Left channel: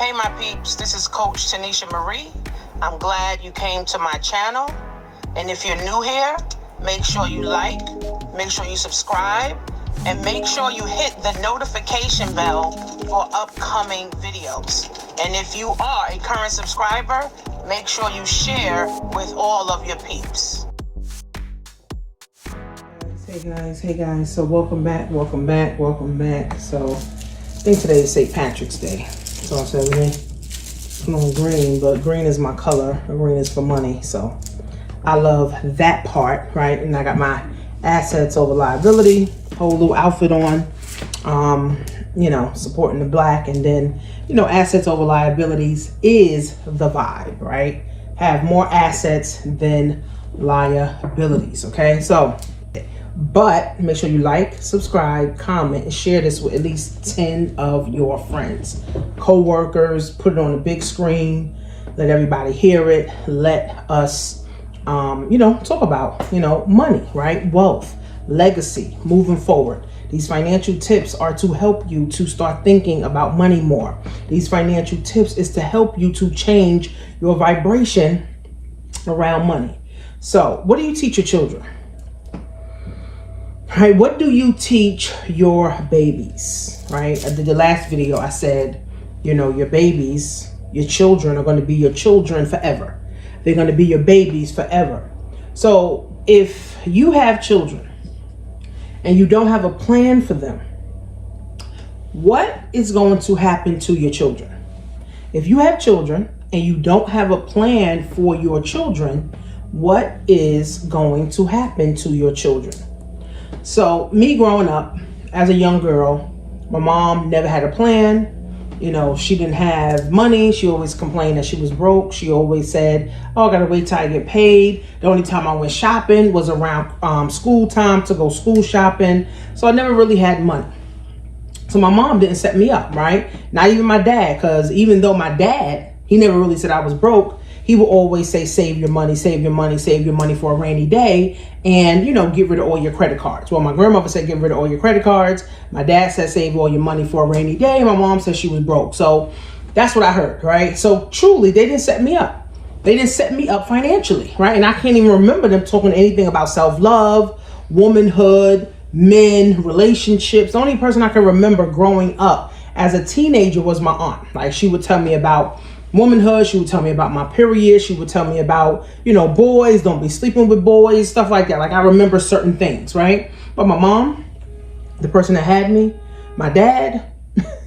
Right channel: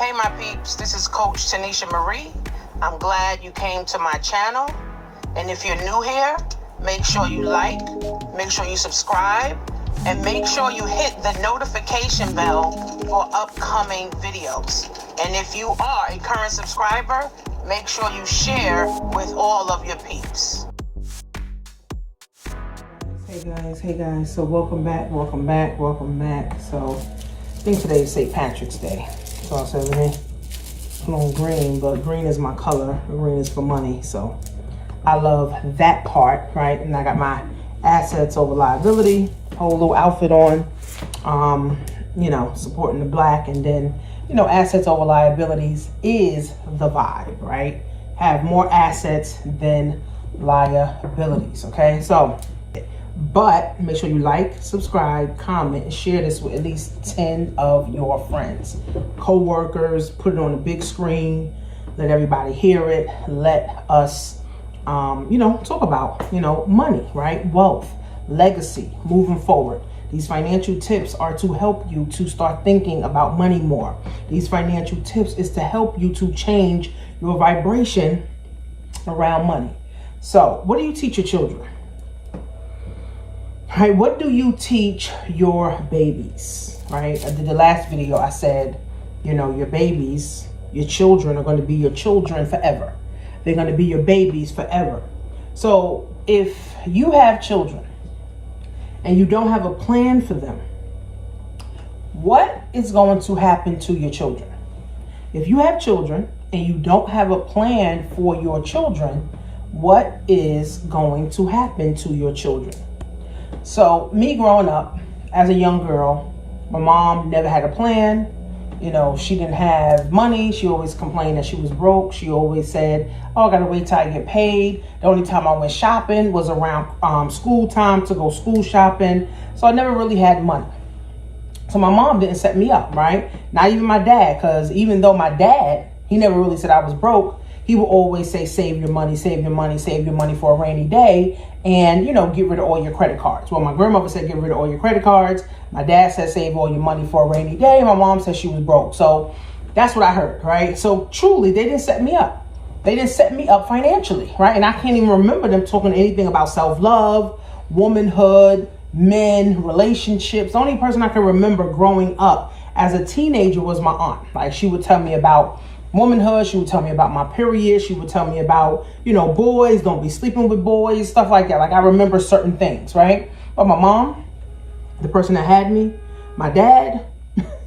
Hey my peeps, this is Coach Tanisha Marie. I'm glad you came to my channel. And if you're new here, make sure you like, make sure you subscribe, and make sure you hit the notification bell for upcoming videos. And if you are a current subscriber, make sure you share with all of your peeps. Hey guys, so welcome back. So I think today is St. Patrick's Day. So I said, let me put on green, but green is my color. Green is for money. So I love that part, right? And I got my assets over liability, whole little outfit on, supporting the black. And then, assets over liabilities is the vibe, right? Have more assets than liabilities, okay? So, but make sure you like, subscribe, comment, and share this with at least 10 of your friends, co-workers. Put it on the big screen, let everybody hear it. Let us, talk about, money, right? Wealth, legacy, moving forward. These financial tips are to help you to start thinking about money more. These financial tips is to help you to change your vibration around money. So what do you teach your children? Right, what do you teach your babies, right? I did the last video, I said, your babies, your children are going to be your children forever. They're going to be your babies forever. So if you have children and you don't have a plan for them, what is going to happen to your children? If you have children and you don't have a plan for your children, what is going to happen to your children? So me growing up as a young girl, my mom never had a plan. She didn't have money. She always complained that she was broke. She always said, oh, I gotta wait till I get paid. The only time I went shopping was around school time to go school shopping. So I never really had money. So my mom didn't set me up, right? Not even my dad, because even though my dad, he never really said I was broke, he would always say, save your money for a rainy day, and, get rid of all your credit cards. Well, my grandmother said, get rid of all your credit cards. My dad said, save all your money for a rainy day. And my mom said she was broke. So that's what I heard, right? So truly, they didn't set me up. They didn't set me up financially, right? And I can't even remember them talking anything about self-love, womanhood, men, relationships. The only person I can remember growing up as a teenager was my aunt. Like, she would tell me about womanhood. She would tell me about my period. She would tell me about, boys, don't be sleeping with boys, stuff like that. Like, I remember certain things, right? But my mom, the person that had me, my dad,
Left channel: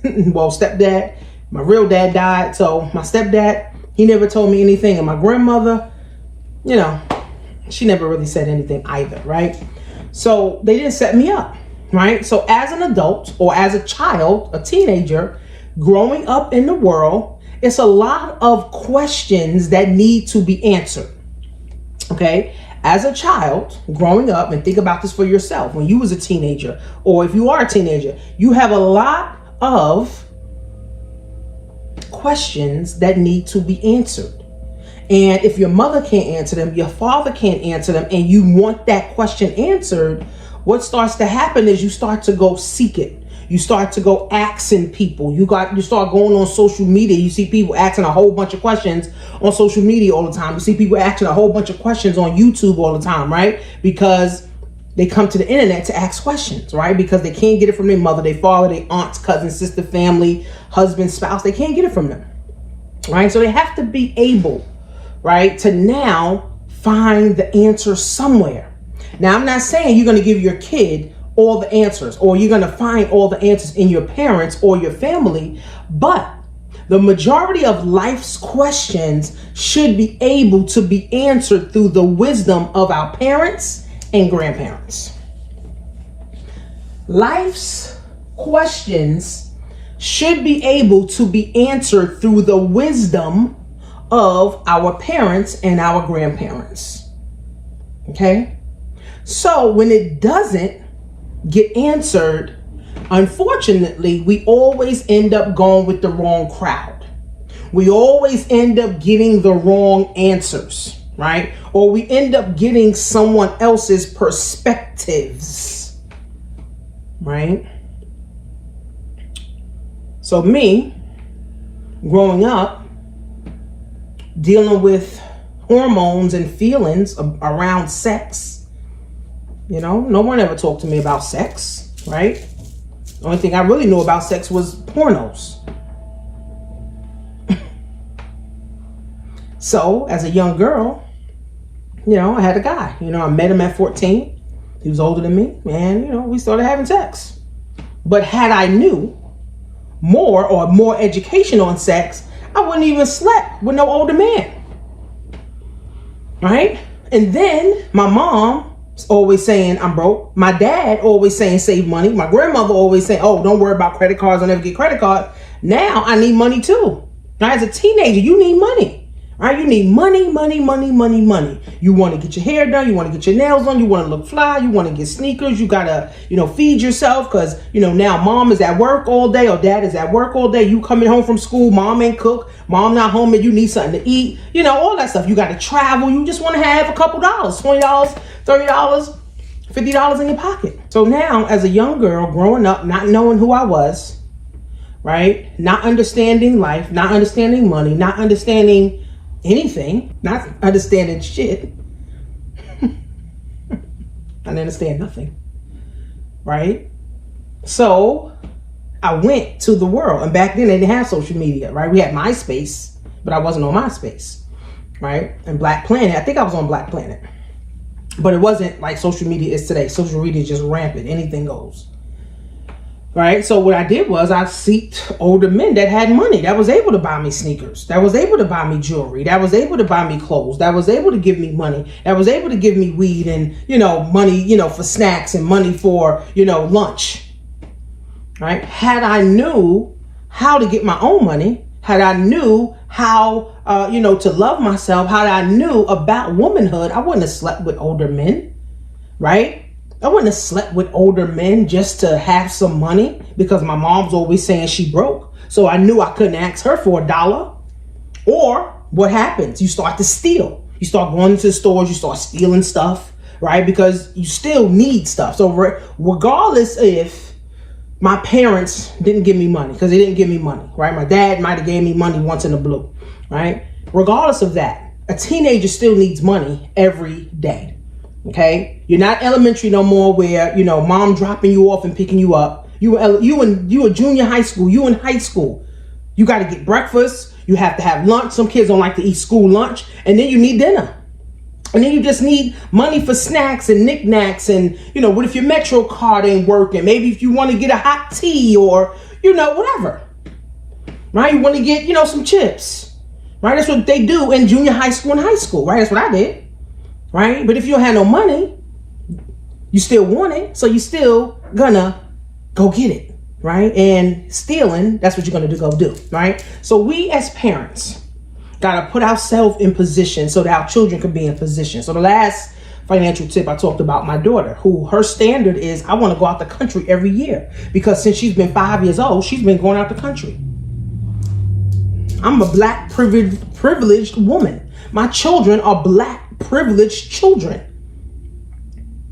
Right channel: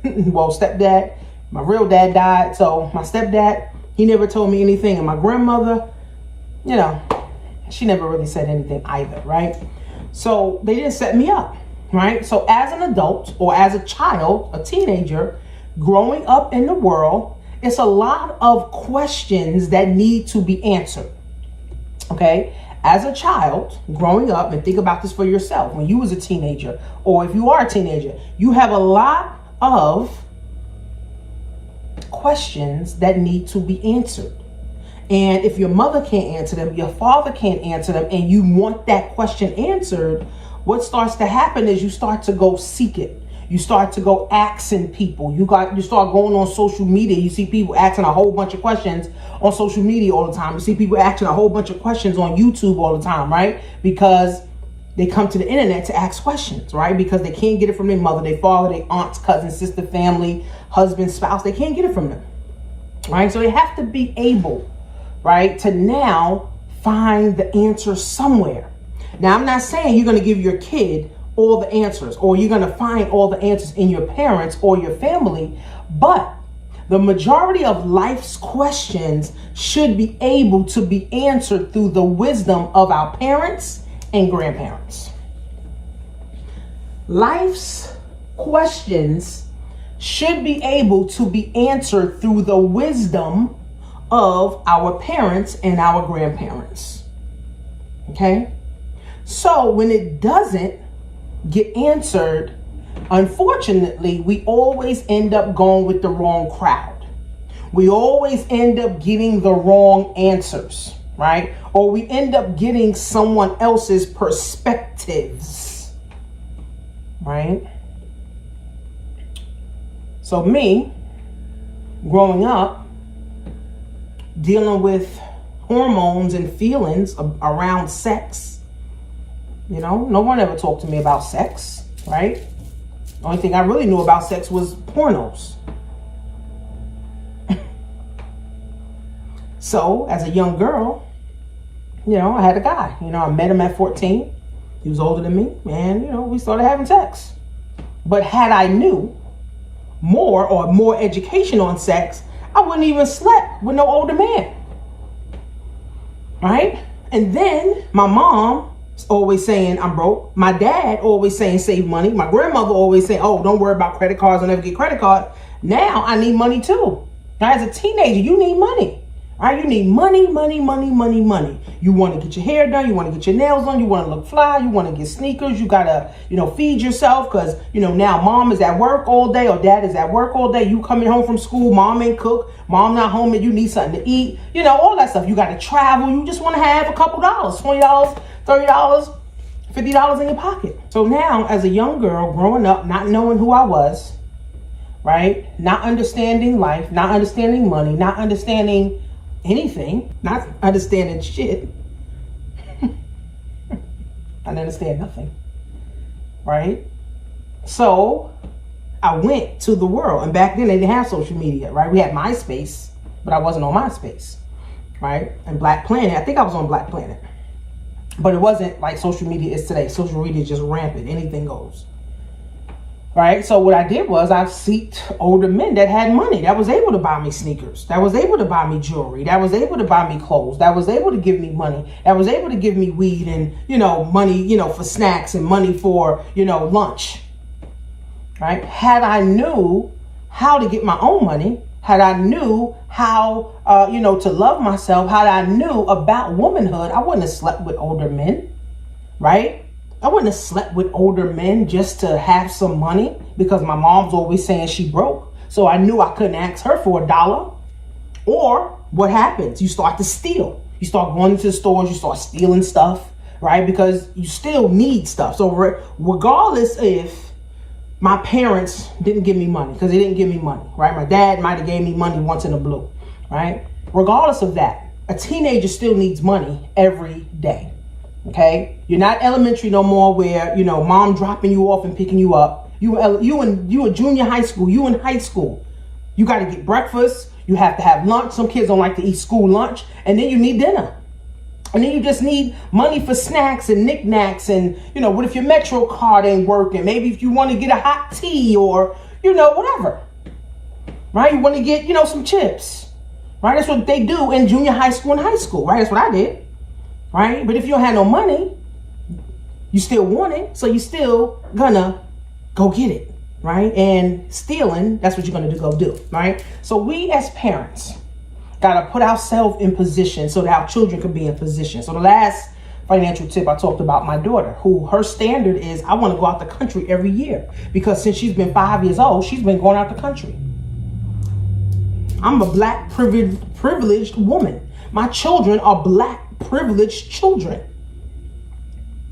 well, stepdad, my real dad died. So my stepdad, he never told me anything. And my grandmother, she never really said anything either, right? So they didn't set me up, right? So as an adult or as a child, a teenager, growing up in the world, it's a lot of questions that need to be answered, okay? As a child growing up, and think about this for yourself, when you was a teenager, or if you are a teenager, you have a lot of questions that need to be answered. And if your mother can't answer them, your father can't answer them, and you want that question answered, what starts to happen is you start to go seek it. You start to go asking people. You start going on social media. You see people asking a whole bunch of questions on social media all the time. You see people asking a whole bunch of questions on YouTube all the time, right? Because they come to the internet to ask questions, right? Because they can't get it from their mother, their father, their aunts, cousins, sister, family, husband, spouse. They can't get it from them, right? So they have to be able, right, to now find the answer somewhere. Now, I'm not saying you're going to give your kid all the answers, or you're going to find all the answers in your parents or your family, but the majority of life's questions should be able to be answered through the wisdom of our parents and grandparents. Life's questions should be able to be answered through the wisdom of our parents and our grandparents. Okay? So when it doesn't get answered, unfortunately, we always end up going with the wrong crowd. We always end up getting the wrong answers, right? Or we end up getting someone else's perspectives, right? So me, growing up, dealing with hormones and feelings around sex. You know, no one ever talked to me about sex, right? The only thing I really knew about sex was pornos. So, as a young girl, you know, I had a guy. You know, I met him at 14. He was older than me, and, you know, we started having sex. But had I knew more education on sex, I wouldn't even slept with no older man. Right? And then my mom always saying I'm broke. My dad always saying save money. My grandmother always saying, oh, don't worry about credit cards. I'll never get credit cards. Now I need money too. Now, as a teenager, you need money. All right, you need money, money, money, money, money. You want to get your hair done. You want to get your nails done. You want to look fly. You want to get sneakers. You got to, you know, feed yourself because, you know, now mom is at work all day or dad is at work all day. You coming home from school. Mom ain't cook. Mom not home and you need something to eat. You know, all that stuff. You got to travel. You just want to have a couple dollars, $20, $30, $50 in your pocket. So now as a young girl growing up, not knowing who I was, right? Not understanding life, not understanding money, not understanding anything, not understanding shit. I didn't understand nothing, right? So I went to the world, and back then they didn't have social media, right? We had MySpace, but I wasn't on MySpace, right? And Black Planet, I think I was on Black Planet, but it wasn't like social media is today. Social media is just rampant, anything goes. Right? So what I did was I sought older men that had money, that was able to buy me sneakers, that was able to buy me jewelry, that was able to buy me clothes, that was able to give me money, that was able to give me weed and, you know, money, you know, for snacks and money for, you know, lunch. Right? Had I knew how to get my own money, had I knew how, you know, to love myself, had I knew about womanhood, I wouldn't have slept with older men, right? I wouldn't have slept with older men just to have some money because my mom's always saying she broke. So I knew I couldn't ask her for $1. Or what happens? You start to steal. You start going into the stores, you start stealing stuff, right? Because you still need stuff. So regardless if my parents didn't give me money, because they didn't give me money, right? My dad might have gave me money once in a blue, right? Regardless of that, a teenager still needs money every day. Okay, you're not elementary no more where, you know, mom dropping you off and picking you up. You a junior high school, you in high school. You got to get breakfast. You have to have lunch. Some kids don't like to eat school lunch. And then you need dinner. And then you just need money for snacks and knickknacks. And, you know, what if your Metro card ain't working? Maybe if you want to get a hot tea or, you know, whatever. Right? You want to get, you know, some chips. Right? That's what they do in junior high school and high school. Right? That's what I did. Right? But if you don't have no money, you still want it. So you still gonna go get it. Right? And stealing, that's what you're gonna go do. Right? So we as parents gotta put ourselves in position so that our children can be in position. So the last financial tip I talked about my daughter, who her standard is, I want to go out the country every year. Because since she's been 5 years old, she's been going out the country. I'm a black privileged woman. My children are black privileged children.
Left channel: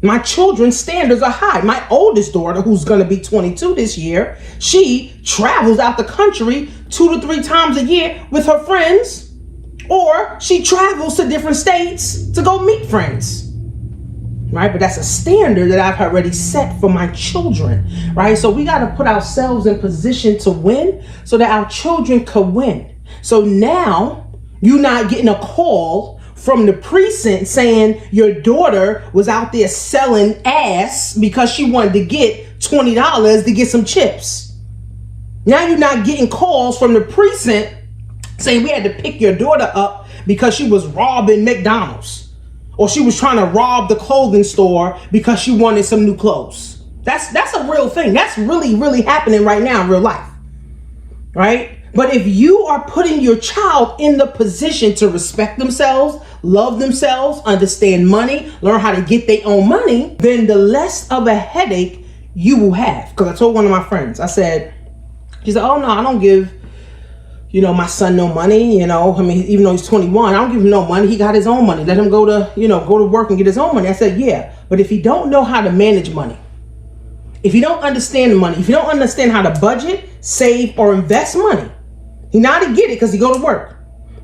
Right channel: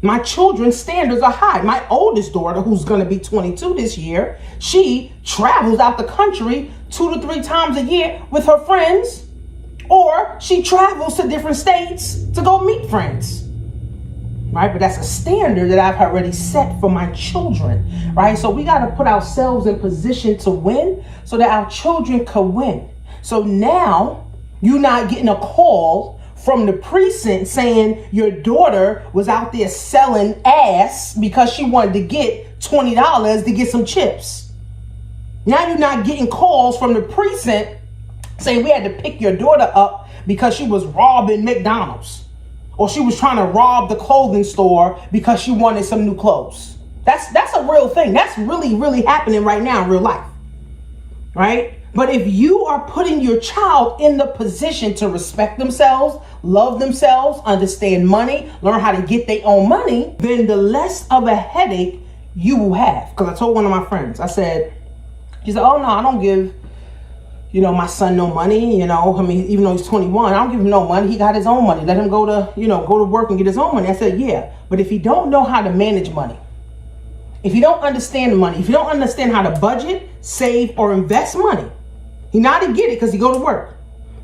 My children's standards are high. My oldest daughter, who's going to be 22 this year, she travels out the country 2 to 3 times a year with her friends, or she travels to different states to go meet friends. Right? But that's a standard that I've already set for my children. Right? So we got to put ourselves in position to win so that our children can win. So now you're not getting a call from the precinct saying your daughter was out there selling ass because she wanted to get $20 to get some chips. Now you're not getting calls from the precinct saying we had to pick your daughter up because she was robbing McDonald's, or she was trying to rob the clothing store because she wanted some new clothes. That's a real thing. That's really, really happening right now in real life. Right? But if you are putting your child in the position to respect themselves, love themselves, understand money, learn how to get their own money, then the less of a headache you will have. Because I told one of my friends, I said, she said, oh no, I don't give, you know, my son no money. You know, I mean, even though he's 21, I don't give him no money. He got his own money. Let him go to work and get his own money. I said, yeah, but if you don't know how to manage money, if you don't understand money, if you don't understand how to budget, save, or invest money, He know how to get it because he go to work,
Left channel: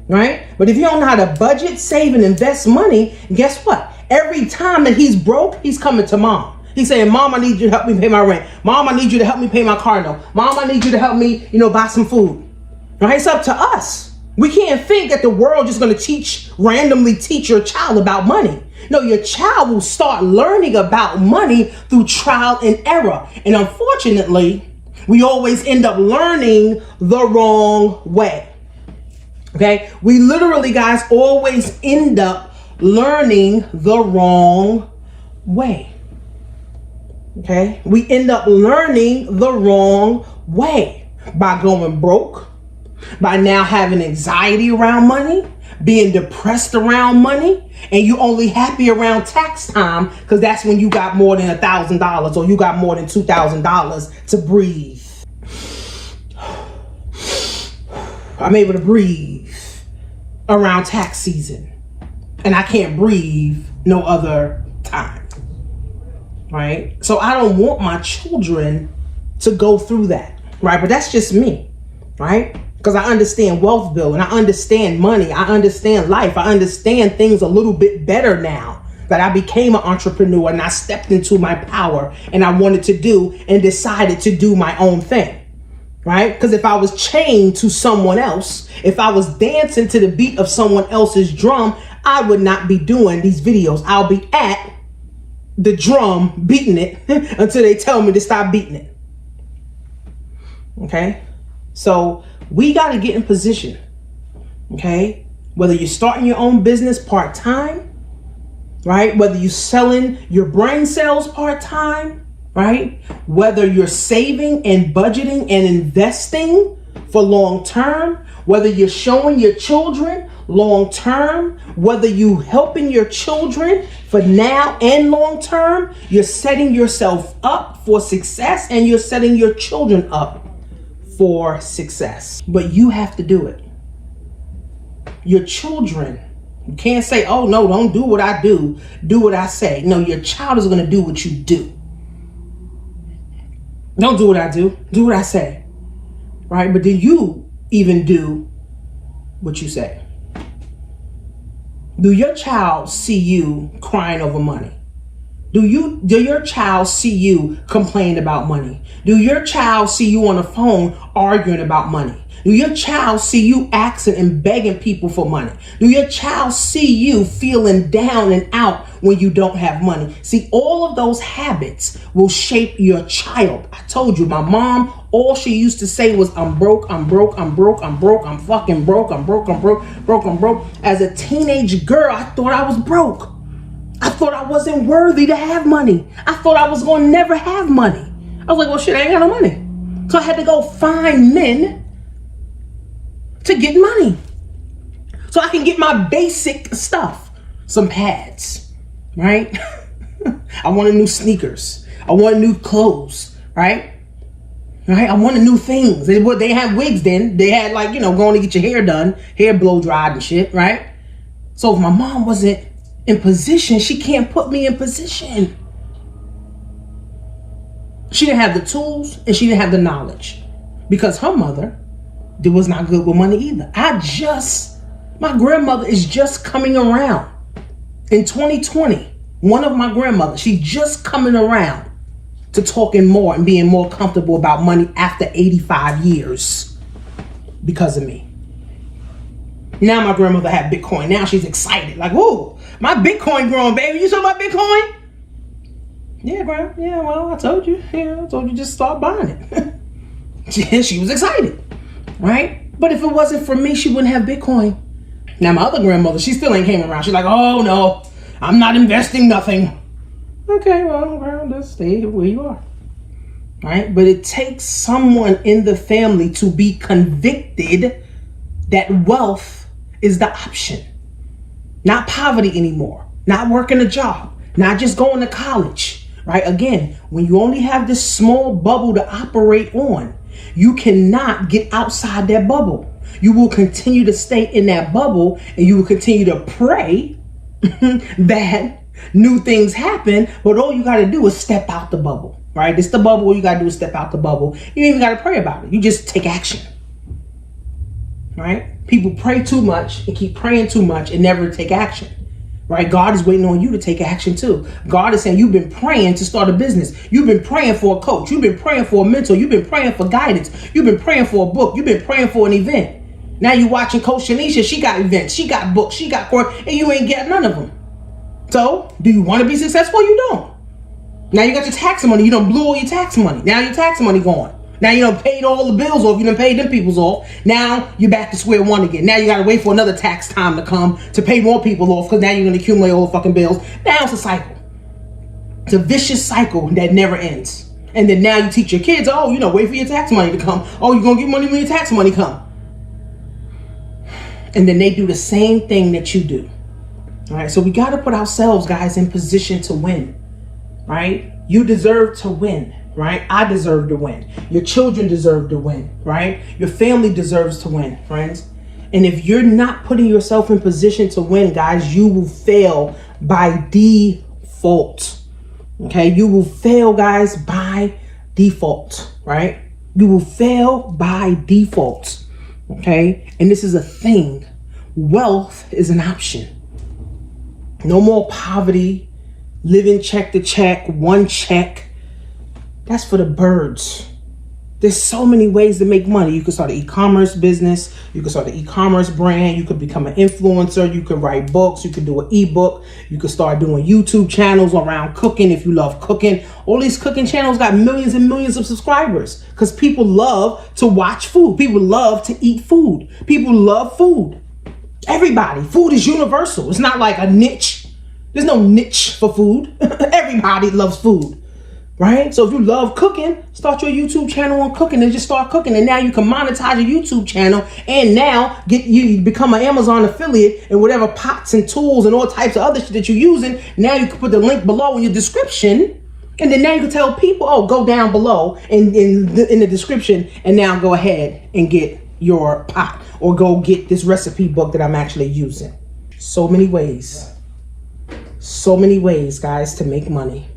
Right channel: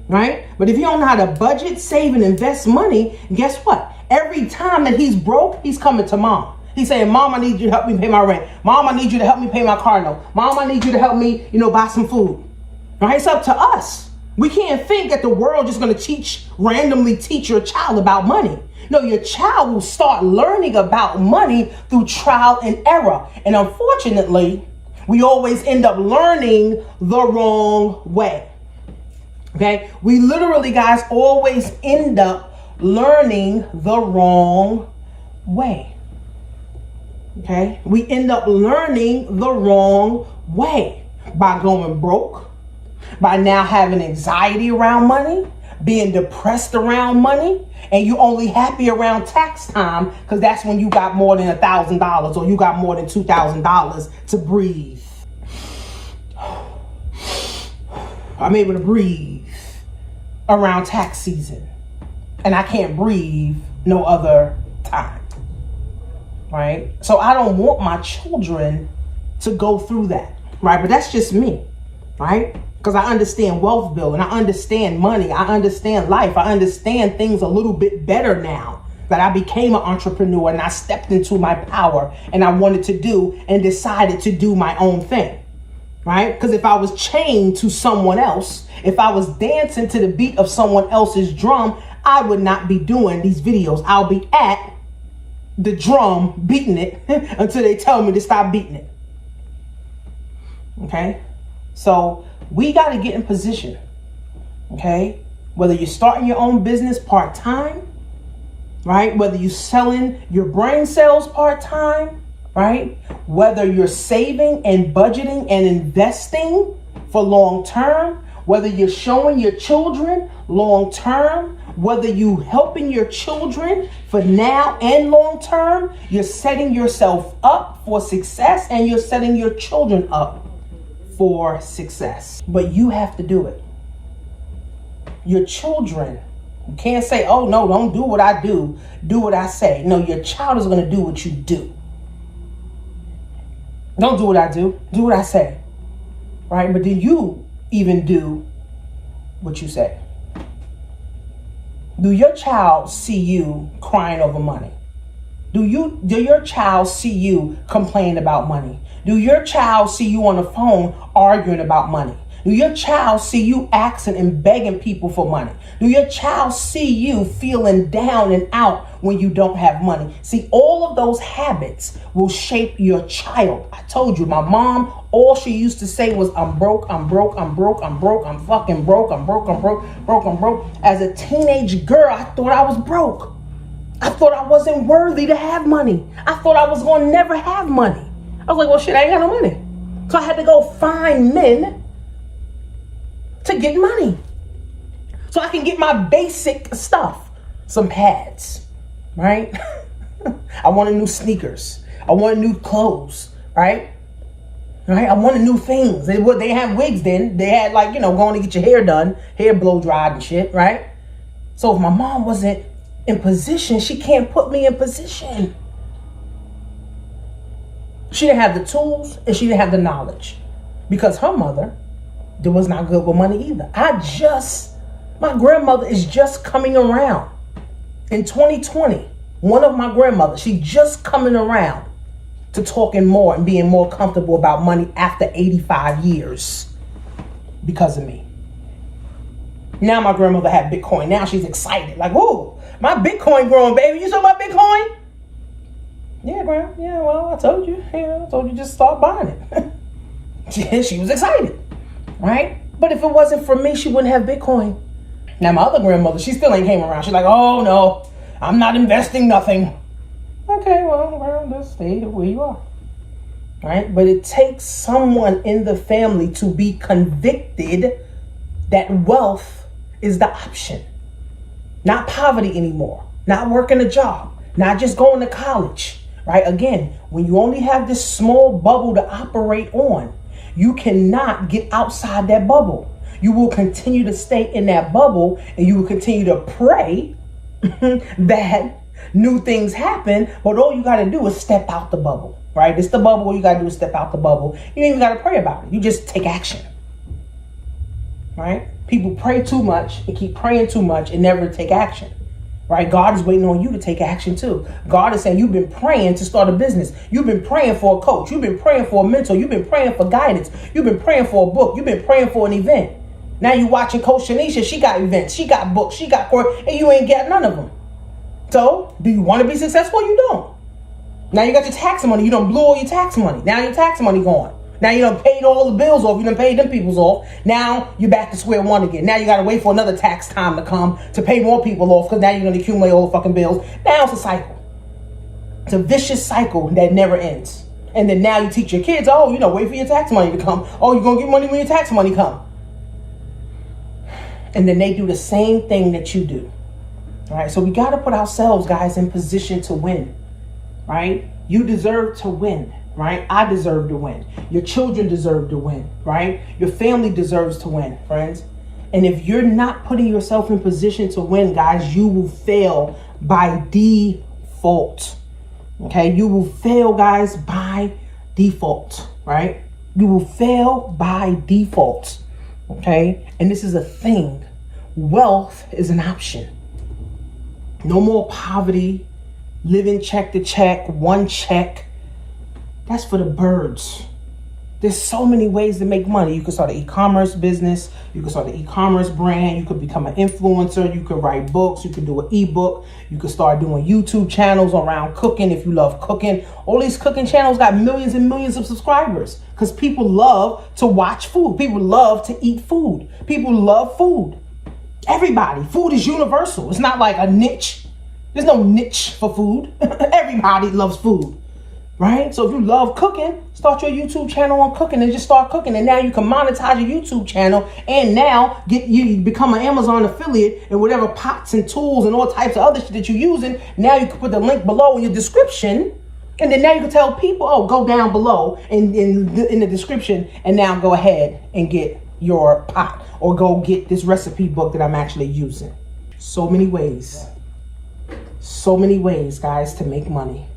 right? But if you don't know how to budget, save, and invest money, guess what? Every time that he's broke, he's coming to mom. He's saying, Mom, I need you to help me pay my rent. Mom, I need you to help me pay my car note. Mom, I need you to help me, buy some food. Right? It's up to us. We can't think that the world just going to randomly teach your child about money. No, your child will start learning about money through trial and error. And unfortunately, we always end up learning the wrong way. Okay? We literally, guys, always end up learning the wrong way. Okay? We end up learning the wrong way by going broke, by now having anxiety around money, being depressed around money, and you only happy around tax time because that's when you got more than $1,000 or you got more than $2,000 to breathe. I'm able to breathe around tax season, and I can't breathe no other time. Right? So I don't want my children to go through that. Right? But that's just me. Right? Because I understand wealth building, I understand money, I understand life, I understand things a little bit better now that I became an entrepreneur and I stepped into my power and I wanted to do and decided to do my own thing, right? Because if I was chained to someone else, if I was dancing to the beat of someone else's drum, I would not be doing these videos. I'll be at the drum beating it until they tell me to stop beating it. Okay? So we got to get in position, okay? Whether you're starting your own business part-time, right? Whether you're selling your brain cells part-time, right? Whether you're saving and budgeting and investing for long-term, whether you're showing your children long-term, whether you helping your children for now and long-term, you're setting yourself up for success and you're setting your children up for success. But you have to do it. Your children, you can't say, oh no, don't do what I do, do what I say. No, your child is going to do what you do. Don't do what I do what I say. Right? But do you even do what you say? Do your child see you crying over money? Do your child see you complain about money? Do your child see you on the phone arguing about money? Do your child see you asking and begging people for money? Do your child see you feeling down and out when you don't have money? See, all of those habits will shape your child. I told you, my mom, all she used to say was, I'm broke, I'm broke, I'm broke, I'm broke, I'm fucking broke, I'm broke, I'm broke, I'm broke. As a teenage girl, I thought I was broke. I thought I wasn't worthy to have money. I thought I was going to never have money. I was like, well, shit, I ain't got no money. So I had to go find men to get money so I can get my basic stuff. Some pads, right? I wanted new sneakers. I wanted new clothes, right? Right? I wanted new things. They had wigs then. They had going to get your hair done, hair blow dried and shit, right? So if my mom wasn't in position, she can't put me in position. She didn't have the tools and she didn't have the knowledge because her mother was not good with money either. My grandmother is just coming around. In 2020, one of my grandmothers, she's just coming around to talking more and being more comfortable about money after 85 years because of me. Now my grandmother had Bitcoin. Now she's excited. Like, whoa, my Bitcoin growing, baby. You saw my Bitcoin? Yeah, Grandma. Yeah, well, I told you. Yeah, I told you just start buying it. She was excited, right? But if it wasn't for me, she wouldn't have Bitcoin. Now my other grandmother, she still ain't came around. She's like, oh no, I'm not investing nothing. Okay, well, just stay where you are, right? But it takes someone in the family to be convicted that wealth is the option. Not poverty anymore, not working a job, not just going to college, right? Again, when you only have this small bubble to operate on, you cannot get outside that bubble. You will continue to stay in that bubble and you will continue to pray that new things happen, but all you got to do is step out the bubble, right? It's the bubble. All you got to do is step out the bubble. You don't even got to pray about it. You just take action. right? People pray too much and keep praying too much and never take action, right? God is waiting on you to take action too. God is saying, you've been praying to start a business. You've been praying for a coach. You've been praying for a mentor. You've been praying for guidance. You've been praying for a book. You've been praying for an event. Now you're watching Coach Tanisha. She got events. She got books. She got course, and you ain't got none of them. So, do you want to be successful? You don't. Now you got your tax money. You done blew all your tax money. Now your tax money gone. Now you done paid all the bills off. You done paid them people's off. Now you're back to square one again. Now you got to wait for another tax time to come to pay more people off because now you're going to accumulate all the fucking bills. Now it's a cycle. It's a vicious cycle that never ends. And then now you teach your kids, oh, you know, wait for your tax money to come. Oh, you're going to get money when your tax money come. And then they do the same thing that you do. All right, so we got to put ourselves, guys, in position to win, right? You deserve to win, right? I deserve to win. Your children deserve to win, right? Your family deserves to win, friends. And if you're not putting yourself in position to win, guys, you will fail by default, okay? You will fail, guys, by default, right? You will fail by default, okay? And this is a thing. Wealth is an option. No more poverty, living check to check, one check. That's for the birds. There's so many ways to make money. You can start an e-commerce business. You can start an e-commerce brand. You could become an influencer. You could write books. You could do an ebook. You could start doing YouTube channels around cooking if you love cooking. All these cooking channels got millions and millions of subscribers because people love to watch food. People love to eat food. People love food. Everybody. Food is universal. It's not like a niche. There's no niche for food. Everybody loves food, right? So if you love cooking, start your YouTube channel on cooking and just start cooking. And now you can monetize your YouTube channel and now you become an Amazon affiliate and whatever pots and tools and all types of other shit that you're using. Now you can put the link below in your description. And then now you can tell people, oh, go down below in the description and now go ahead and get your pot or go get this recipe book that I'm actually using. So many ways, guys, to make money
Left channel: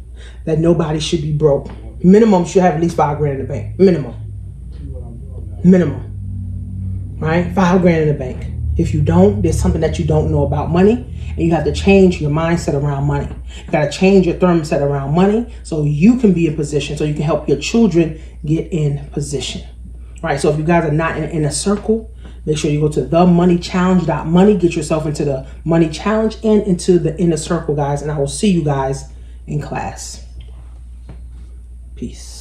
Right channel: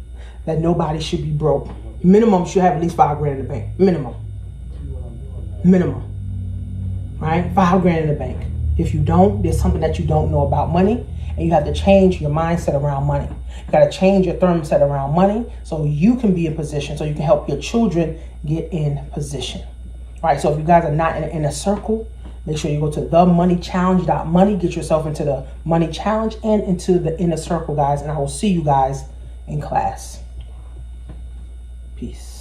that nobody should be broke. Minimum should have at least $5 grand in the bank. Minimum, right? $5 grand in the bank. If you don't, there's something that you don't know about money and you have to change your mindset around money. You got to change your thermostat around money so you can be in position, so you can help your children get in position. All right, so if you guys are not in a circle, make sure you go to themoneychallenge.money, get yourself into the money challenge and into the inner circle, guys. And I will see you guys in class. Peace.